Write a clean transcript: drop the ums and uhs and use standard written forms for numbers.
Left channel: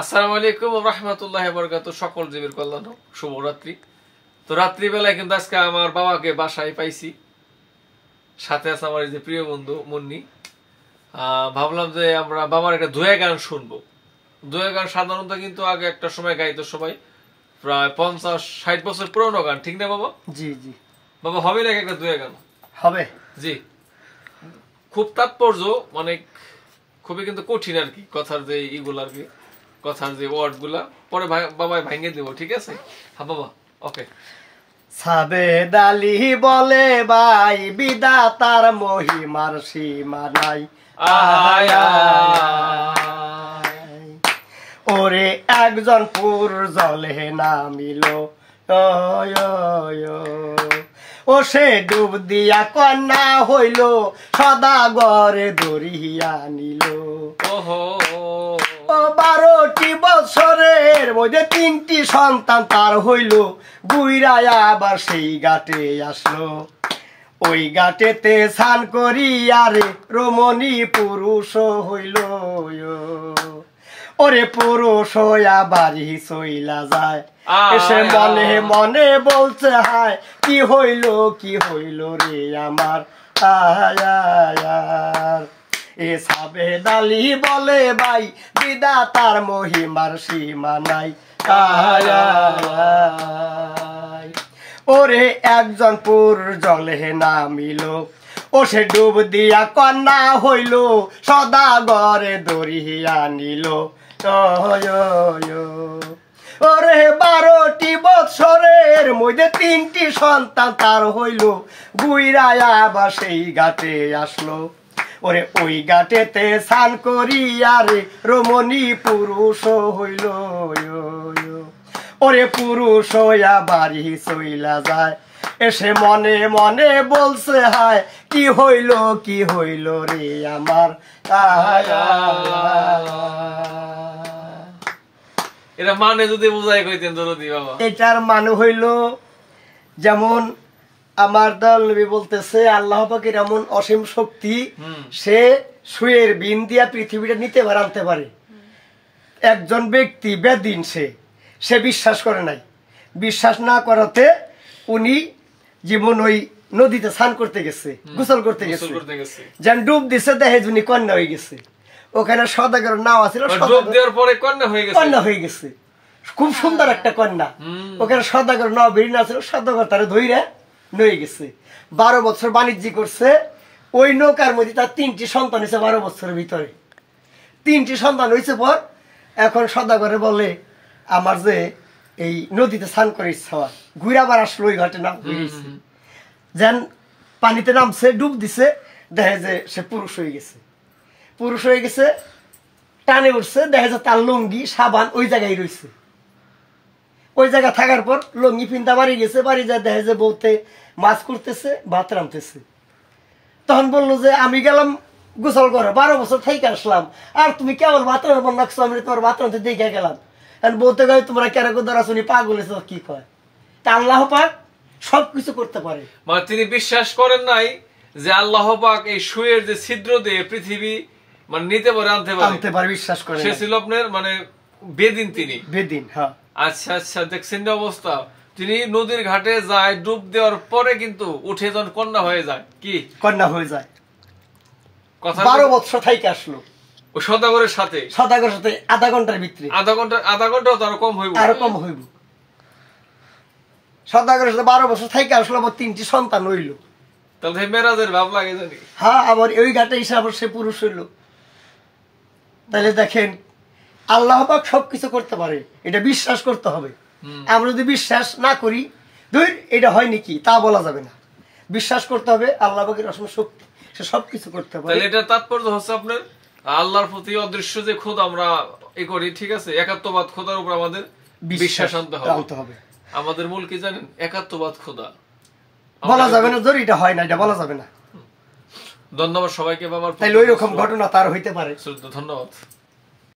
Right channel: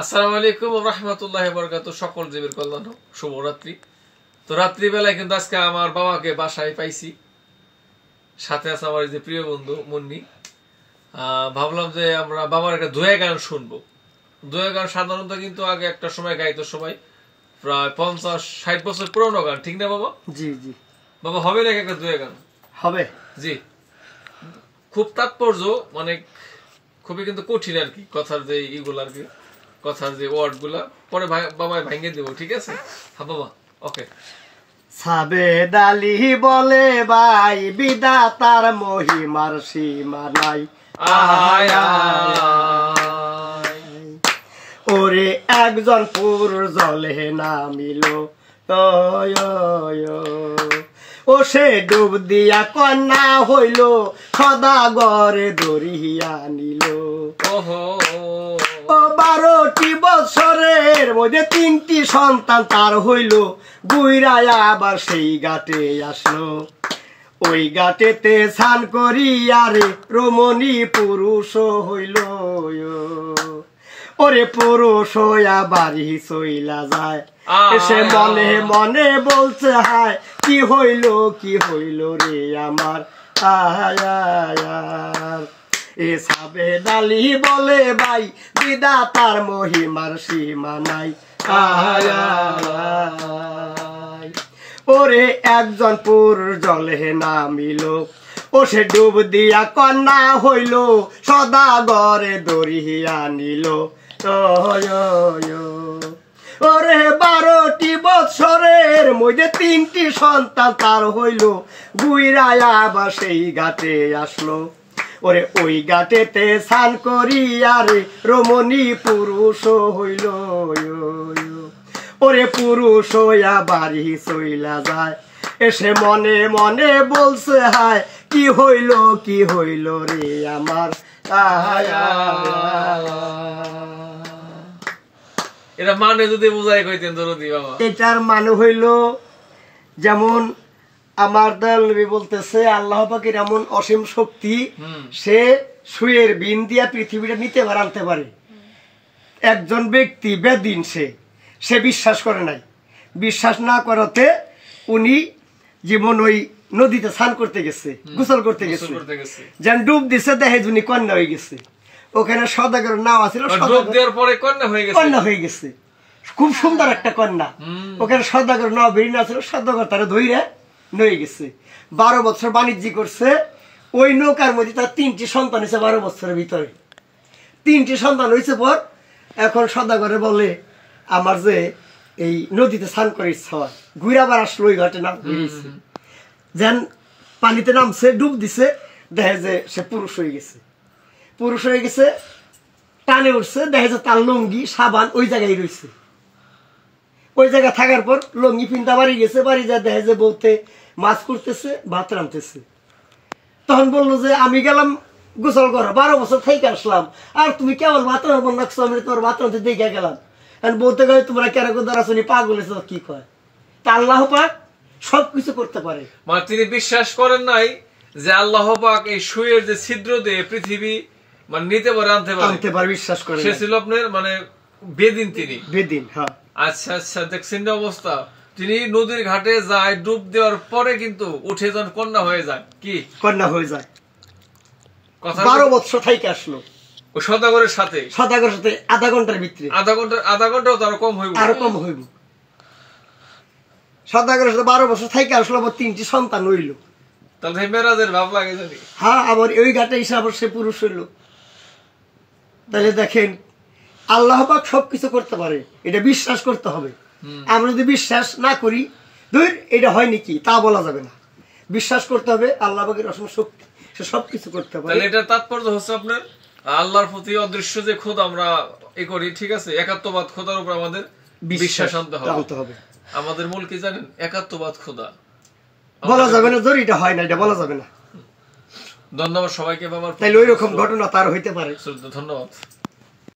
আসসালামু আলাইকুম ওয়া রাহমাতুল্লাহি ওয়া বারাকাতুহু। সকল জীবের কল্যাণ হোক, শুভরাত্রি। তো রাত্রি বেলায় কিন্তু আজকে আমার বাবাকে বাসায় পাইছি, সাথে আছে আমার এই যে প্রিয় বন্ধু মুন্নি। ভাবলাম যে আমরা বাবার একটা দোয়া গান শুনবো। দোয়া গান সাধারণত কিন্তু আগে একটা সময় গাইতো সবাই, প্রায় 50-60 বছর পুরনো গান, ঠিক না বাবা? জি জি বাবা, হবে নাকি একটা দোয়া গান? হবে। জি, খুব তাৎপর্য, মানে খুবই কিন্তু কঠিন আর কি, কথার যে ইগুলো আর কি, কথার যে ওয়ার্ড গুলা পরে বাবা ভাঙে দেবো, ঠিক আছে? হ্যাঁ বাবা, ওকে। সাবেদ আলী বলে ভাই বিধাতার মহিমার সীমা নাই। ওরে একজন পুর জলে নামিল, ও সে ডুব দিয়া কন্যা হইল, সদাগরে ধরিয়া নিল। ও 12টি বছরের মধ্যে 3টি সন্তান তার হইল, গুইরায়া আবার সেই ঘাটে আসলো। ওই ঘাটেতে স্নান করিয়া রে রমণী পুরুষ হইল। ওরে পুরুষ হইয়া বাড়ি চইলা যায়, এসে মনে মনে বলছে হায় কি হইল রে আমার। এ সাবেদ আলী বলে ভাই বিধাতার মহিমার সীমা নাই। ওরে একজন পুর জলে নামিল, ও সে ডুব দিয়া কন্যা হইল, সদাগরে ধরিয়া নিল। ওরে 12টি বছরের মধ্যে 3টি সন্তান তার হইল, গুইরায়া আবার সেই ঘাটে আসলো। ওরে ওই ঘাটেতে স্নান করিয়া রে রমণী পুরুষ হইল। ওরে পুরুষ হইয়া বাড়ি চইলা যায়, এসে মনে মনে বলছে হায় কি হইল রে আমার। এটা মানে যদি বুঝাই কইতেন দরদি বাবা। এটার মানে হইল, যেমন আমার নবী বলতেছে আল্লাহ পাকের এমন অসীম শক্তি, সে সুয়ের বিন দিয়া পৃথিবীটা নিতে পারে, আনতে পারে। একজন ব্যক্তি বেদিন, সে বিশ্বাস করে নাই। বিশ্বাস না করাতে উনি জীবন ওই নদীতে স্নান করতে গেছে, গোসল করতে গেছে, যেন ডুব দিছে, দেখে উনি কন্যা হয়ে গেছে। ওখানে সদাগর নাও আছিল, কন্যা হয়ে গেছে, খুব সুন্দর একটা কন্যা। ওখানে সদাগর নাও বেরিয়ে আছিল, সদাগর তারা ধইরা নয়ে গেছে। 12 বছর বাণিজ্য করছে। ওই নৌকার মধ্যে তার 3টি সন্তান হয়েছে 12 বছরের ভিতরে। 3টি সন্তান হয়েছে পর এখন সদাগরে বলে আমার যে এই নদীতে স্নান করে ইচ্ছা হয়, ঘুরাবার আসলো ওই ঘাটে নাম বেরিয়েছে, যেন পানিতে নামছে, ডুব দিছে, দেখে যে সে পুরুষ হয়ে গেছে, টানে উঠছে, দেখে যে তার লুঙ্গি সাবান ওই জায়গায় রয়েছে। ওই জায়গায় থাকার পর লুঙ্গি পিনটা বাড়ি গেছে, বাড়ি যায় দেখে যে বউতে মাছ করতেছে, ভাত রাঁধতেছে। তখন বললো যে আমি গেলাম গোসল করো, 12 বছর থেকে আসলাম, আর তুমি কেবল ভাত রাঁধবো নাকছো, আমি তোমার ভাত রাঁধতে দেখে গেলাম। বলতে গেলে তোমরা কেন দাঁড়াচ্ছি পাগল, কি কয়? তা আল্লাহ পাক সবকিছু করতে পারে। মানে তিনি বিশ্বাস করেন নাই যে আল্লাহ পাক এই সুয়ের যে ছিদ্র দিয়ে পৃথিবী মানে নিতে পারে, আনতে পারে, বিশ্বাস করে। সে ছিল আপনার মানে বেদিন, তিনি বেদিন। হ্যাঁ, আচ্ছা আচ্ছা, দেখছেন না অবস্থা। তিনি নদীর ঘাটে যায়, ডুব দেওয়ার পরে কিন্তু উঠে যখন কন্যা হয়ে যায়, কি কন্যা হয়ে যায়। 12 বছর থেকে আসলো ও সদাগরের সাথে আধা ঘন্টার ভিতরে, আধা ঘন্টাও তো আরো কম হইব। সদাগরের সাথে 12 বছর থেকে আসলো, আবার 3টি সন্তান হইল। তাহলে মেরাজের ভাব লাগে জানি। হ্যাঁ, আবার ওই ঘাটে এসে আবার সে পুরুষ হইল। তাহলে দেখেন আল্লাহ পাক সবকিছু করতে পারে, এটা বিশ্বাস করতে হবে। আমরা যদি বিশ্বাস না করি, এটা হয় নাকি তা বলা যাবে না। বিশ্বাস করতে হবে আল্লাহ পাকের অসীম শক্তি, সে সবকিছু করতে পারে। এটা তাৎপর্য হচ্ছে আপনার আল্লাহর প্রতি অদৃশ্য যে খোদা আমরা করি, ঠিক আছে, একাত্মবাদ খোদার উপর আমাদের বিশ্বাস আনতে হবে। আমাদের মূল কি জানেন? একাত্মবাদ খোদা বলা যাবে না, এটা হয় না, এটা বলা যাবে না। ধন্যবাদ সবাইকে বাবার। তাইলে ওই রকম ঘটনা তার হইতে পারে। ধন্যবাদ।